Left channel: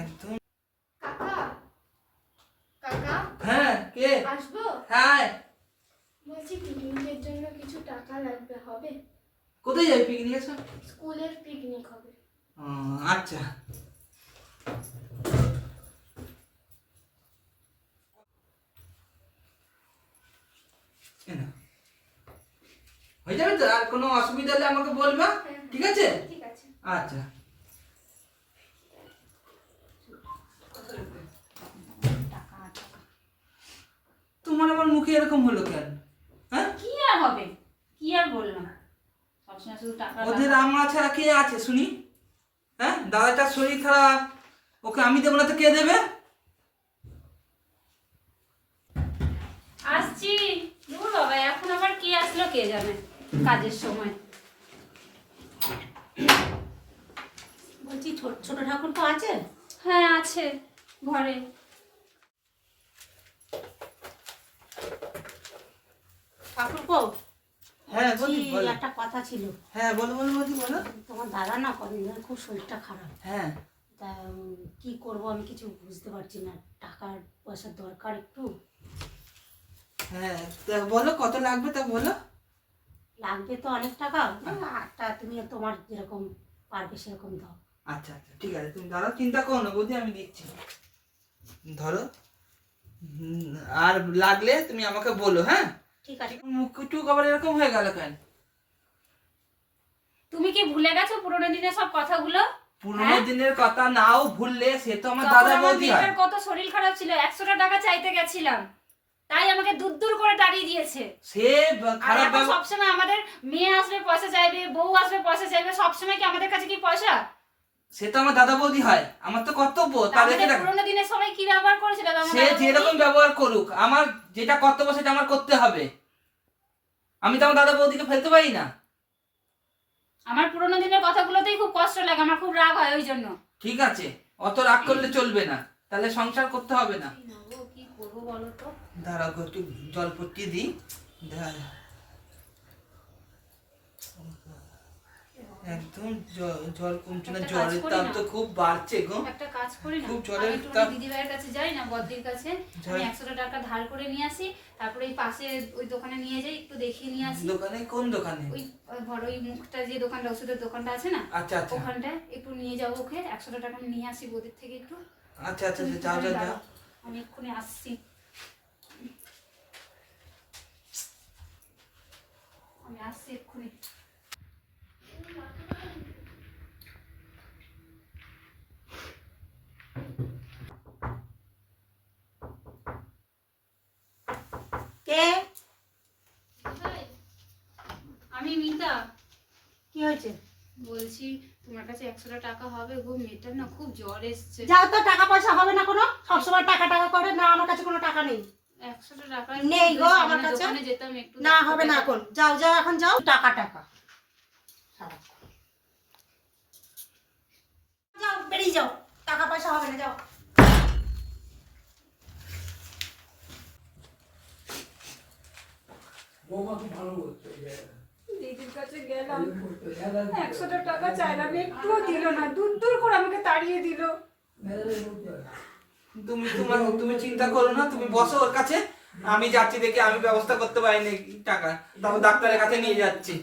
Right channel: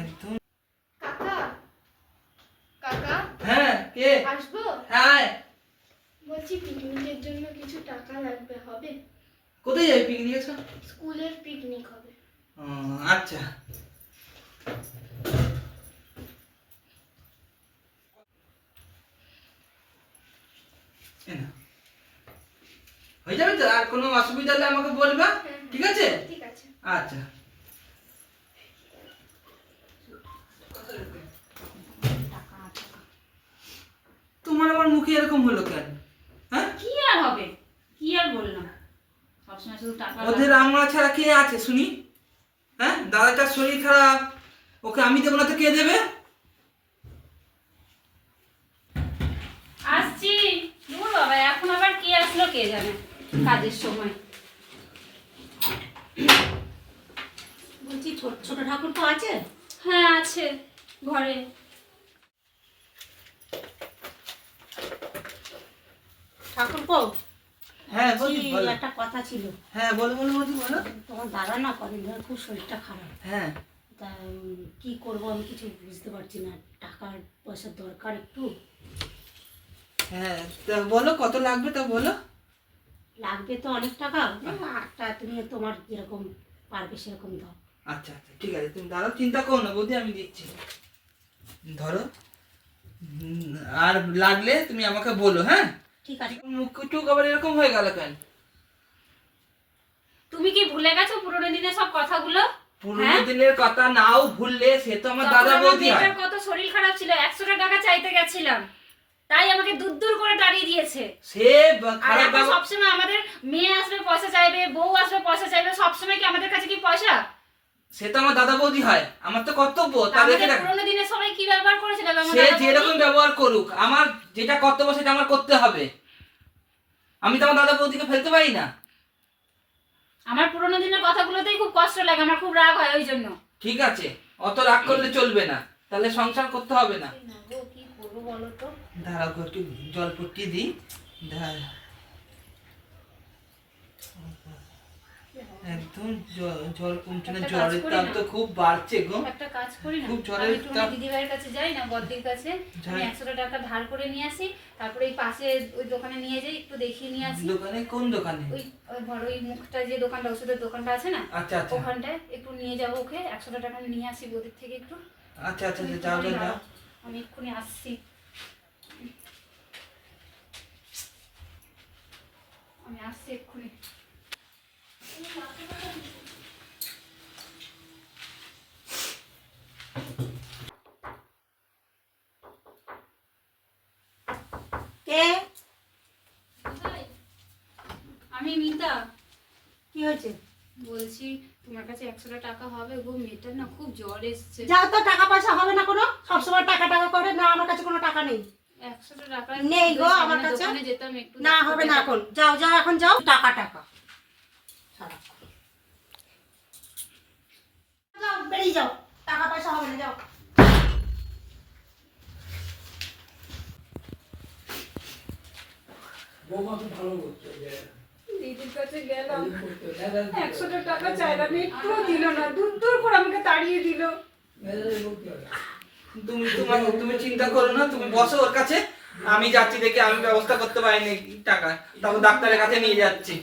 একদম। কাকা কাকা হ্যাঁ কে? আসবো? হ্যাঁ। বলছি পিকনিকের জন্য কিছু টাকা লাগবে, হবে? কোথায় যাবি পিকনিকে? স্কুলের পিকনিক হবে। আচ্ছা। হয়ে যাবে তো? আর কোনো অসুবিধা হলে আমাকে বলবা, ঠিক আছে? ঠিক আছে। আচ্ছা। তোমার আবার মুখে এরকম হলো কেন? হ্যাঁ, কি আর হবে, কি আর বললাম, সবসময় শুধু টাকা। ওদের আমরা ছাড়া কে আছে শুনি? হ্যাঁ, দাদাটার শরীর খারাপ, ওকে আমি দেবো না তো কে দেবে? আসছি। দূর বাবা, এখন আবার কে আসলো কে জানে, কাজের সময়। বলছি ছোট ঠাকুর তো আছে? হ্যাঁ আছে ঘরে। ঠাকুর কো? হ্যাঁ বলি, বলো। একটা কথা ছিল। হ্যাঁ বলো বলো বলি, বলো। তোমার দাদা না কদিন ধরে খুব শরীরটা খারাপ। হ্যাঁ। তা কি করবো আমি কিছু বুঝতে পারছি না, টাকার পয়সার দরকার একটু। হ্যাঁ তা বলো কত লাগবে, তা বলো। লাগবে তো অনেক টাকা, আটটা তুমি তোমার যেরকম পারবে সেরকম দাও। আচ্ছা আচ্ছা ঠিক আছে, তুমি দাদা চিন্তা করো না বৌদি, আমি দিচ্ছি। ধরো। আর লাগলে তুমি আমাকে বলো, হ্যাঁ? ঠিক আছে। মুখটুক আবার এরকম হয়ে গেল কেন? তুমি কি ভুলে গেছো পুরোনো দিনের সব কথাগুলো? পুরোনো দিনের কথা নাও ভুললে, সে তো আমার তখন দাদা আমার বৌদি হয়। মেয়েটার কত শরীর খারাপ ছিল, 100টা টাকা চাইতে গেছিলাম, তাই আমাকে দূর দূর করে তাড়িয়ে দিয়েছে। সে আর খারাপ এখন সবসময় আমাদের মেয়ে আসবে পয়সা চাইবে, বউ আসবে পয়সা চাইবে, সবসময় কি আমাদের কাছে কি পয়সা? সে তো আমার দাদা বৌদি হয়, আমার তো কর্তব্য তাদেরকে। আমাদের পুরোনো দিনের সবাই কি ব্যবহার করেছিল সে যেরকম ব্যবহার করুক, আমার যেটা কর্তব্য সেটা আমার করতে হবে। আমি তো আমার দাদা বৌদিকে ফেলতে পারি না। আমার পুরোনো দিনের কথাগুলোতেই খুব কষ্ট লাগে, আমার খুব রাগ হয় ওই জন্য। ঠিক আছে, অত রাগ করলে চলবে না, তাহলে সংসার করতে হবে না। কি করবো বলো তো? দাঁড়াও গো, একটু জল পট্টি দিই। একদম জল কমছে না, জ্বরের তাপ তো খুব বাড়ছে গো। একটা কাজ করি না, খুব জ্বরের আমি একটু তাপ। দিদিভাইয়ের কাছে যাই না, বদ্দির কাছে, আমি 100টা টাকা ধার করে নিয়ে আসি, তারপরে এই পাশে ওই দোকানে নিয়ে যাই, একটু দেখিয়ে নিয়ে আসি। দোকানে? কোন দোকানে? ওই ধরো ওই মুখটা যে দোকানটা, ওষুধের দোকানটা আছে না, আচ্ছা আচ্ছা ওখানটায় একটু নিয়ে যাবো ওকে, 100টা টাকা আমি নিয়ে আসি বৌদির থেকে একটু। আচ্ছা আচ্ছা যাও যাও যাও। আমি এক্ষুনি আসছি, আমি আসছি এক্ষুনি। কে? আমি মিতা। কি হয়েছে? বলছি তোমার কাছে 100টা টাকা হবে গো, মেয়েটার না খুব জ্বর এসছে। যাও তো, টাকা পয়সা হবে না কোনো, সবসময় টাকা টাকা করে না, আমার কাছে কোনো টাকা নেই। 100টা টাকা নেই গো আমার কাছে। দোকানে যেতাম একটু। না হবে না এখন, যাও যাও এখন যাও। টাকা টাকা সারাক্ষণ। যাও বেরিয়ে যাও, টাকা পয়সা হবে না, যাও। দিদির কাছে গেলাম, 100টা টাকা চাইলাম, একটুও দিল না, দূর দূর করে আমাকে তাড়িয়ে দিল। তুমি চিন্তা করো না, তুমি বসো ওর কাছে, আমি যাচ্ছি, দেখি আমি ব্যবস্থা করতে পারিনি টাকা, তারপর ডাক্তারের কাছে নিয়ে যাচ্ছি।